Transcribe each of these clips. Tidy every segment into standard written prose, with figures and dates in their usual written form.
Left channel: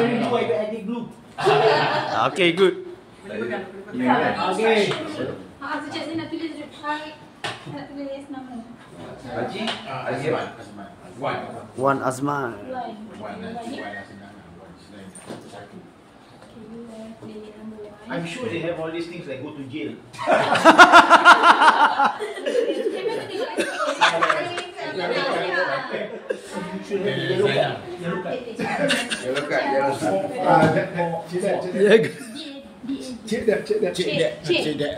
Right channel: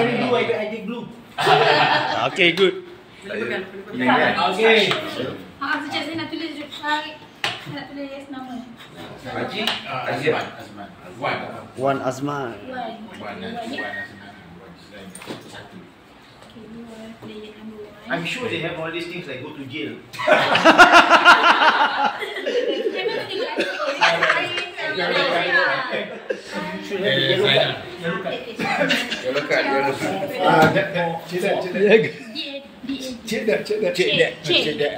wearing blue, I did blue. Okay, good. Okay. Sekejap saya nak tulis nak tulis nama. Haji Azman. Wan Azman. I'm sure they have all these things like go to jail. Yellow card.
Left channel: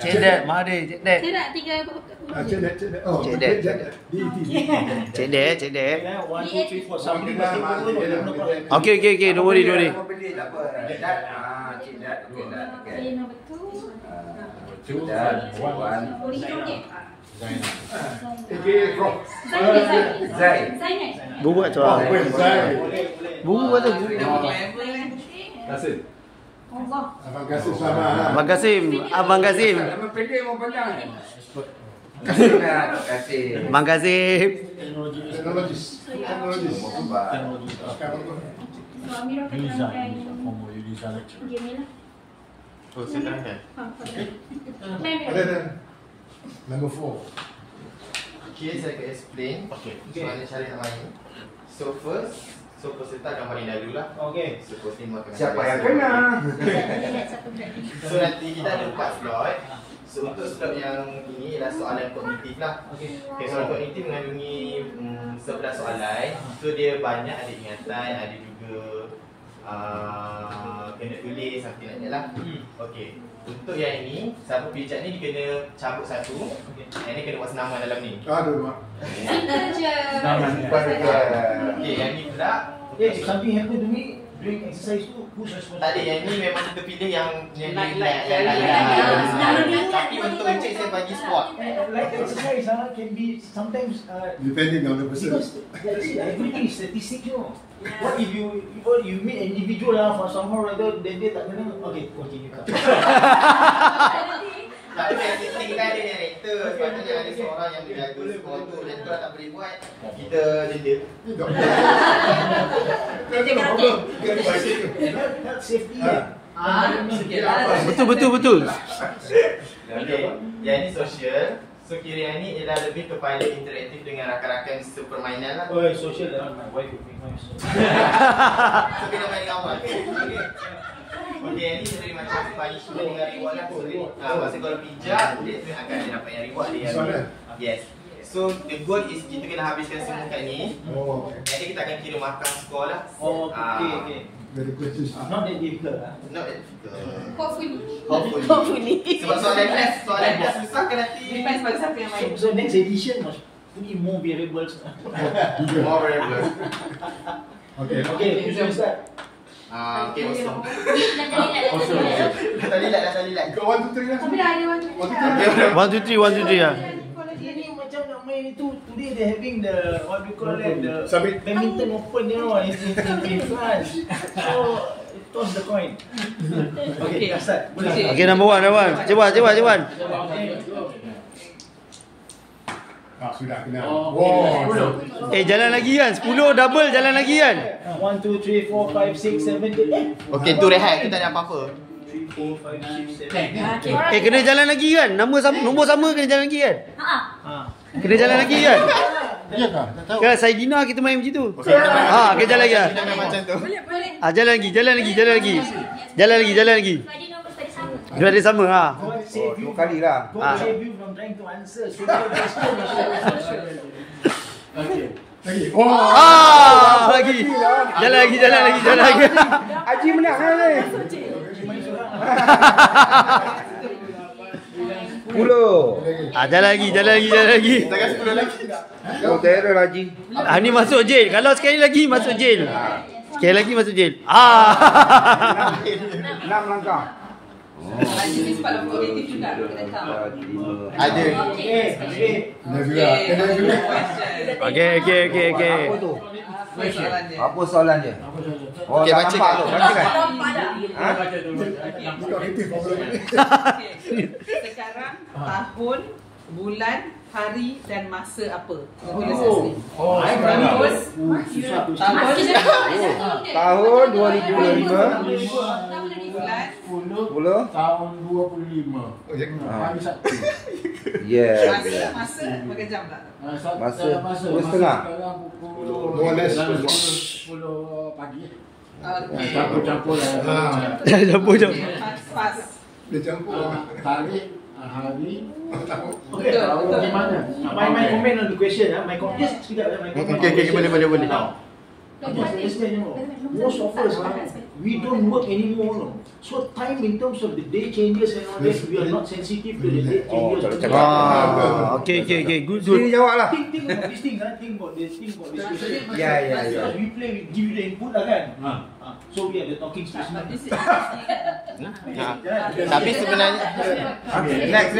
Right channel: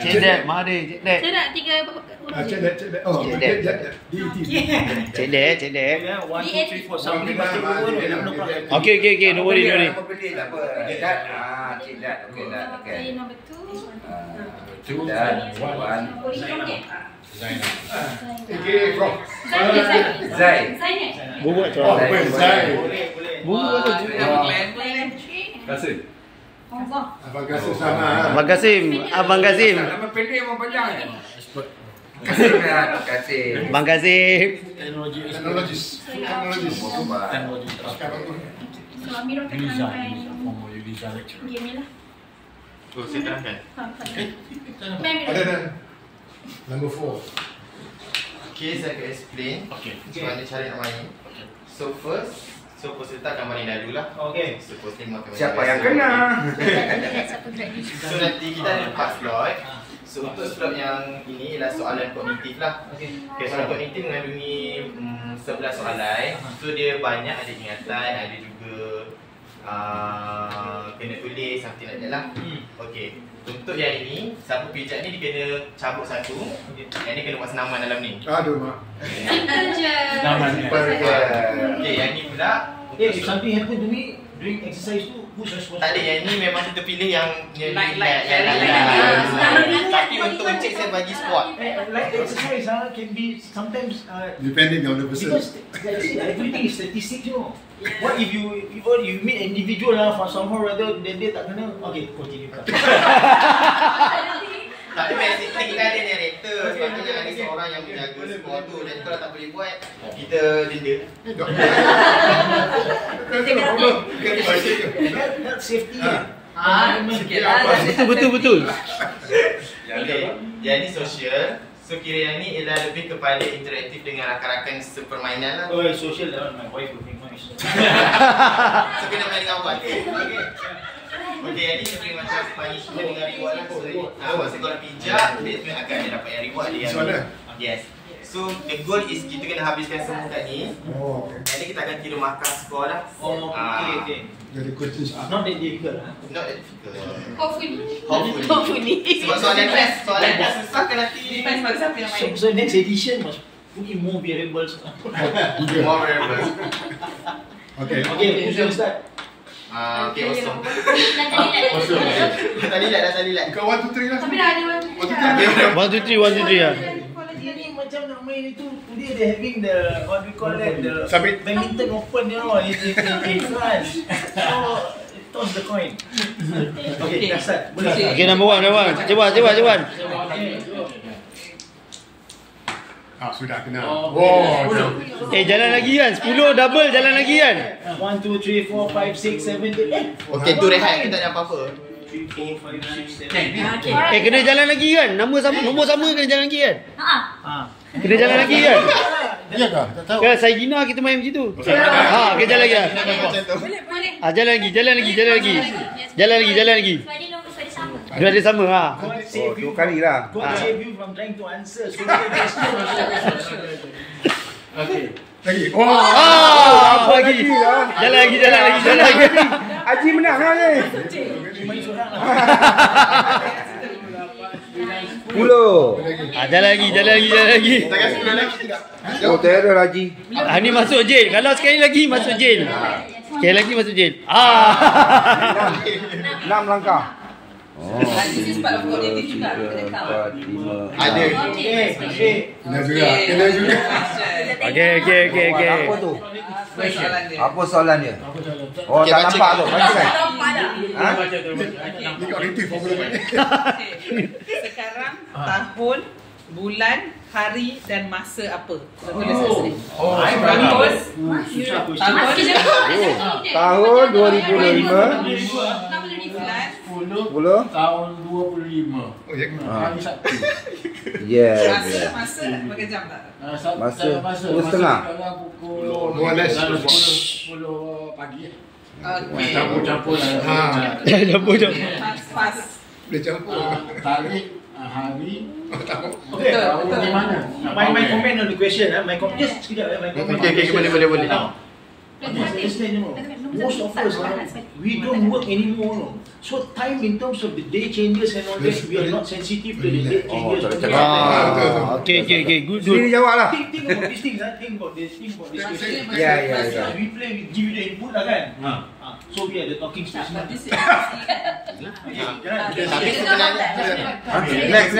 Cedek, mari cedek. Cedak 3 Cedek. Yeah, 1, 2, 3, 4. Somebody must take over. Okay, don't worry. Nama pendek tak apa. Cedat. Cedat. Okay, number 2. Cedat. Wan. Zai. Buat tu. Buat tu. Kasim. Abang Kasim. Nama pendek memang panjang. Kasim. Abang Kasim. Teknologis. So Amirah akan terangkan game ni lah. Oh, saya terangkan. Ada. Number 4. Okay, saya akan explain mana cara nak main. So peserta akan main dahulu lah. Okay. So posting akan main. Siapa yang kena? So nanti kita ada 4 slot. So untuk slot yang ini ialah soalan kognitif lah. Okay, soalan kognitif mengandungi 11 soalan. So dia banyak, ada ingatan, ada juga kena tulis something like that lah. Okay, untuk yang ini, siapa pijak ni dia kena cabut satu. Yang ni kena buat senaman dalam ni. Aduh mak. Okay, yang ni pula. If something happen to me during exercise tu, who's responsible? Tak ada, yang ni memang kita pilih yang Light. Tapi untuk encik saya bagi squat. Like exercise can be sometimes Depending on the person. because everything is statistics, you know. What if you meet an individual for somehow rather then dia tak kena? Okay, continue. Tapi basically kita ada narrator. Sepatutnya ada seorang yang menjaga squat tu. Jadi kalau tak boleh buat, kita denda. Health safety. Betul. Okay, yang ni social. So kira yang ni ialah lebih kepada interaktif dengan rakan-rakan sepermainan lah. Oh, social dalam my wife will make noise. So kena main dengan awak. Okay, yang ni seperti macam punishment dengan reward lah. So masa korang pijak, dia akan dapat yang reward dia. Yes. So the goal is kita kena habiskan semua kat ni. Jadi kita akan kira markah skor lah. Oh, okay. Very good. Not that difficult Not that difficult. Hopefully. Sebab soalan dah susah kan nanti. Depends pada siapa yang main. So next edition must put in more variables. More variables. Okay. Okay, who's going to start? Okay, kosong. Dah Dah lilat. Kau 1, 2, 3 lah. Tapi dah ada one. 1, 2, 3 lah. Ini macam nak main itu. Today they having the what we call that, the Submit. badminton open, you know, in France. So toss the coin. Okay, dah start. Boleh. Okay, number 1. Cepat. Sudah kena. Wow. Jalan lagi kan? 10 double jalan lagi kan? 1, 2, 3, 4, 5, 6, 7, 8. Okay, tu rehat. Kita tak ada apa-apa. 3, 4, 5, 6, 7. Kena jalan lagi kan? Nombor sama kena jalan lagi kan? Kena jalan lagi kan? Ya kah? Tak tahu. Kan Saidina kita main macam tu. Kena jalan lagi. Jalan lagi. Dua ada sama God save you. 2 kali lah. God save you from trying to answer. So many questions. Okay. Lagi. Lagi. Jalan lagi. Haji menang lah ni. Main seorang lah. 10. Jalan lagi. Kita kasi 10 lagi. Oh, terror Haji. Ni masuk jail. Kalau sekali lagi masuk jail. Sekali lagi masuk jail. 6 langkah. This is part of cognitive juga. Ada. Kena juga. Okay. Apa soalan dia? Oh, Okay, tak baca. nampak tu. Ni kognitif apa lagi? Sekarang tahun bulan, hari dan masa apa? Kita tulis kat sini. Tahun 2025. Bulan tahun 25. Hari Sabtu. Masa berapa jam tak? Masa 10:30. Sekarang pukul 10 pagi. Campur-campur lah. Campur-campur. Pas. Boleh campur. Tarikh, hari, Okay. tahun di mana? My comment on the question, my comment. Just sekejap, my comment. Okay, boleh. Now, understand, most of us, we don't work anymore. No. So time in terms of the day changes and all that, we are not sensitive to the day changes. Okay. Good. Sini jawablah. Think about these things, think about this question. Ya. We play, we give you the input lah kan. So we are the talking stage. Tapi sebenarnya Next.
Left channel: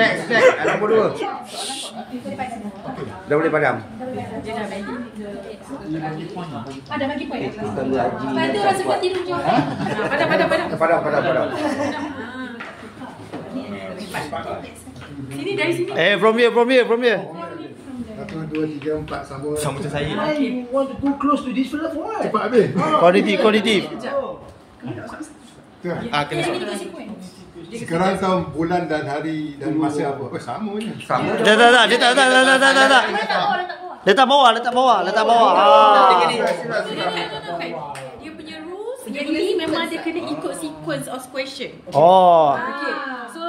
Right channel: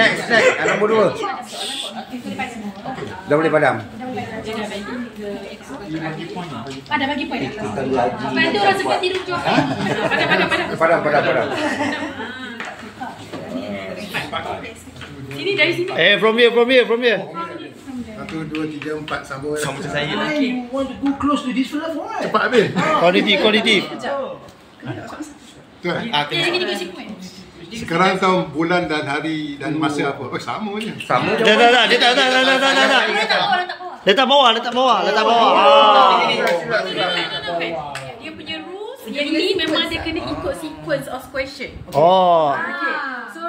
Nombor 2. Dah boleh padam. Ada bagi poin. Nanti orang semua tidur je. Padam. Sini dari sini. From here. 1, 2, 3, 4 sambung. macam saya Why you want to go close to this fella for what? Cepat habis. Quality. Betul. Sini kasi poin. Sekarang tahu bulan dan hari dan masa apa? Oh, sama je. Sama je. Tak. Letak bawah. Dia punya rules yang ni memang dia kena ikut sequence of question. Oh. Okay. So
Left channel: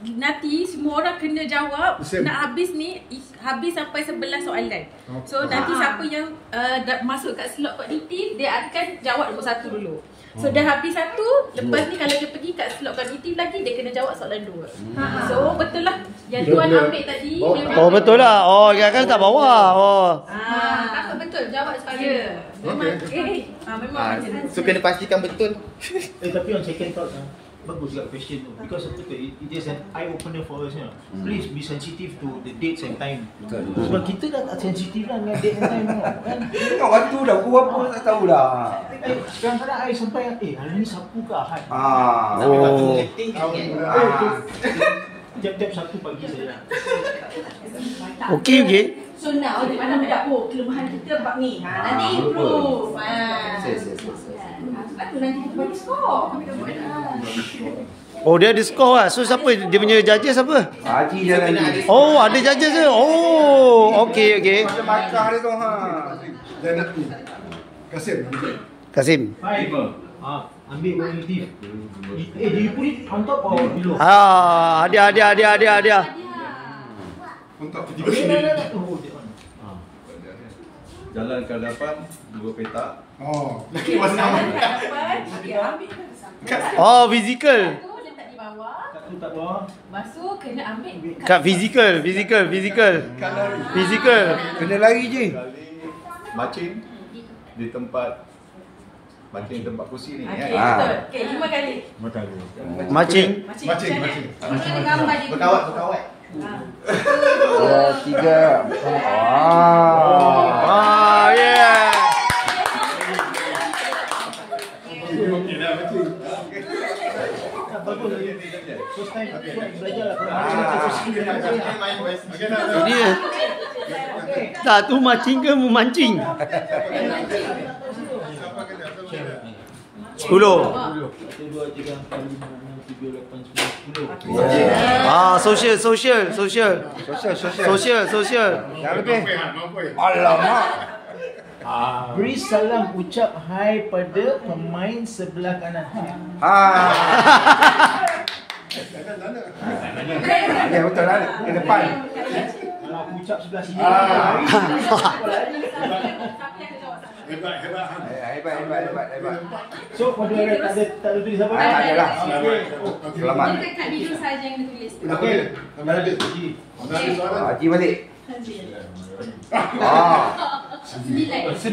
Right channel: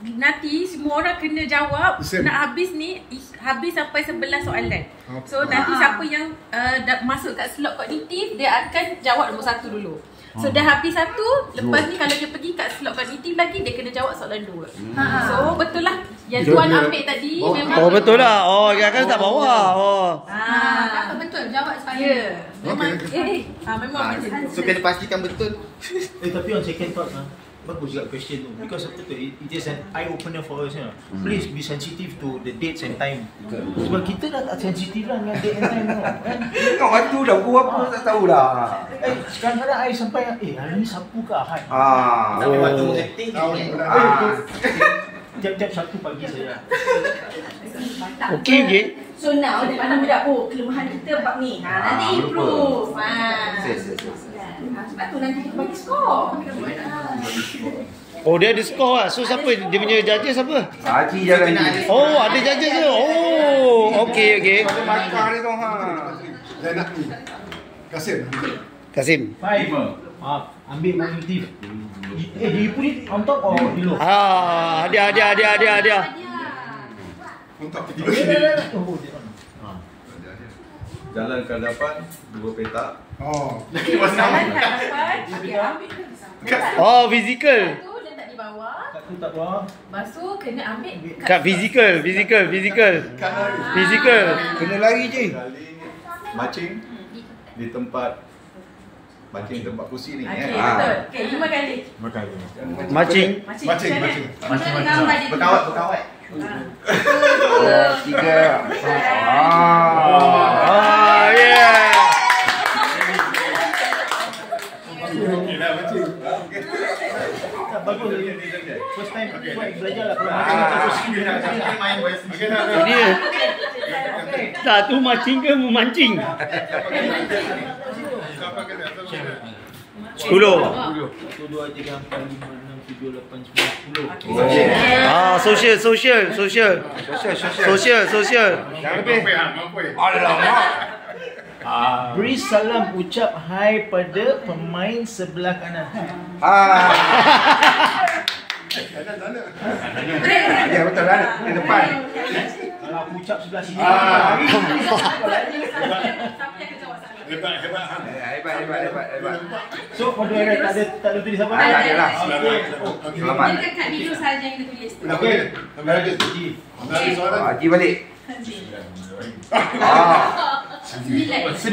nanti semua orang kena jawab. Nak habis ni habis sampai 11 soalan. So nanti siapa yang masuk kat slot kognitif, dia akan jawab nombor 1 dulu. So dah habis 1, lepas ni kalau dia pergi kat slot kognitif lagi, dia kena jawab soalan 2. So betul lah yang tuan ambil tadi memang. Oh betul lah. Oh dia kan tak bawah. Oh. Dapat betul jawab sekali. Ya. Memang memang macam So kena pastikan betul. Tapi on second thought bagus juga question tu, because it is an eye opener for us. Please be sensitive to the dates and time. Sebab kita dah tak sensitif lah dengan date and time kan. Tengok waktu dah pukul apa tak tahulah. Sekarang I sampai hari ni Sabtu ke Ahad. Tapi waktu setting Jam 1 pagi saja. Okay. So now dia mana budak kelemahan kita bab ni. Nanti improve. Sebab tu nanti kita bagi skor. Oh dia ada skor lah. So siapa dia punya judges apa? Haji jalan ni. Oh ada judges ke? Oh okay. Makan dia tu Dan nak ni. Kasim. 5. Ambil kognitif. Do you put it on top or below? Hadiah. Untuk kita Jalan ke hadapan, 2 petak. Oh. Oh physical. Tu letak di bawah. Satu tak bawah. Lepas tu kena ambil Kat physical. kena lari je. Kali macing di tempat kursi ni. Okey, betul. Okey, 5 kali. Macing. Berkawat. 3. Yeah. Bagus. First time belajar lah. Ini tak tu macing ke memancing? 10. 1, 2, 3, 4, 5, 6, 7, 8, 9, 10. Social. Yang lebih. Alamak. Beri salam ucap hai pada pemain sebelah kanan. Ya betul lah. Di depan. Kalau aku ucap sebelah sini. Hebat. Hebat. So pada tak ada tulis apa? Tak ada lah. Selamat. Kita kat video saja yang kita tulis. Okey. Habis soalan. Haji balik. 9.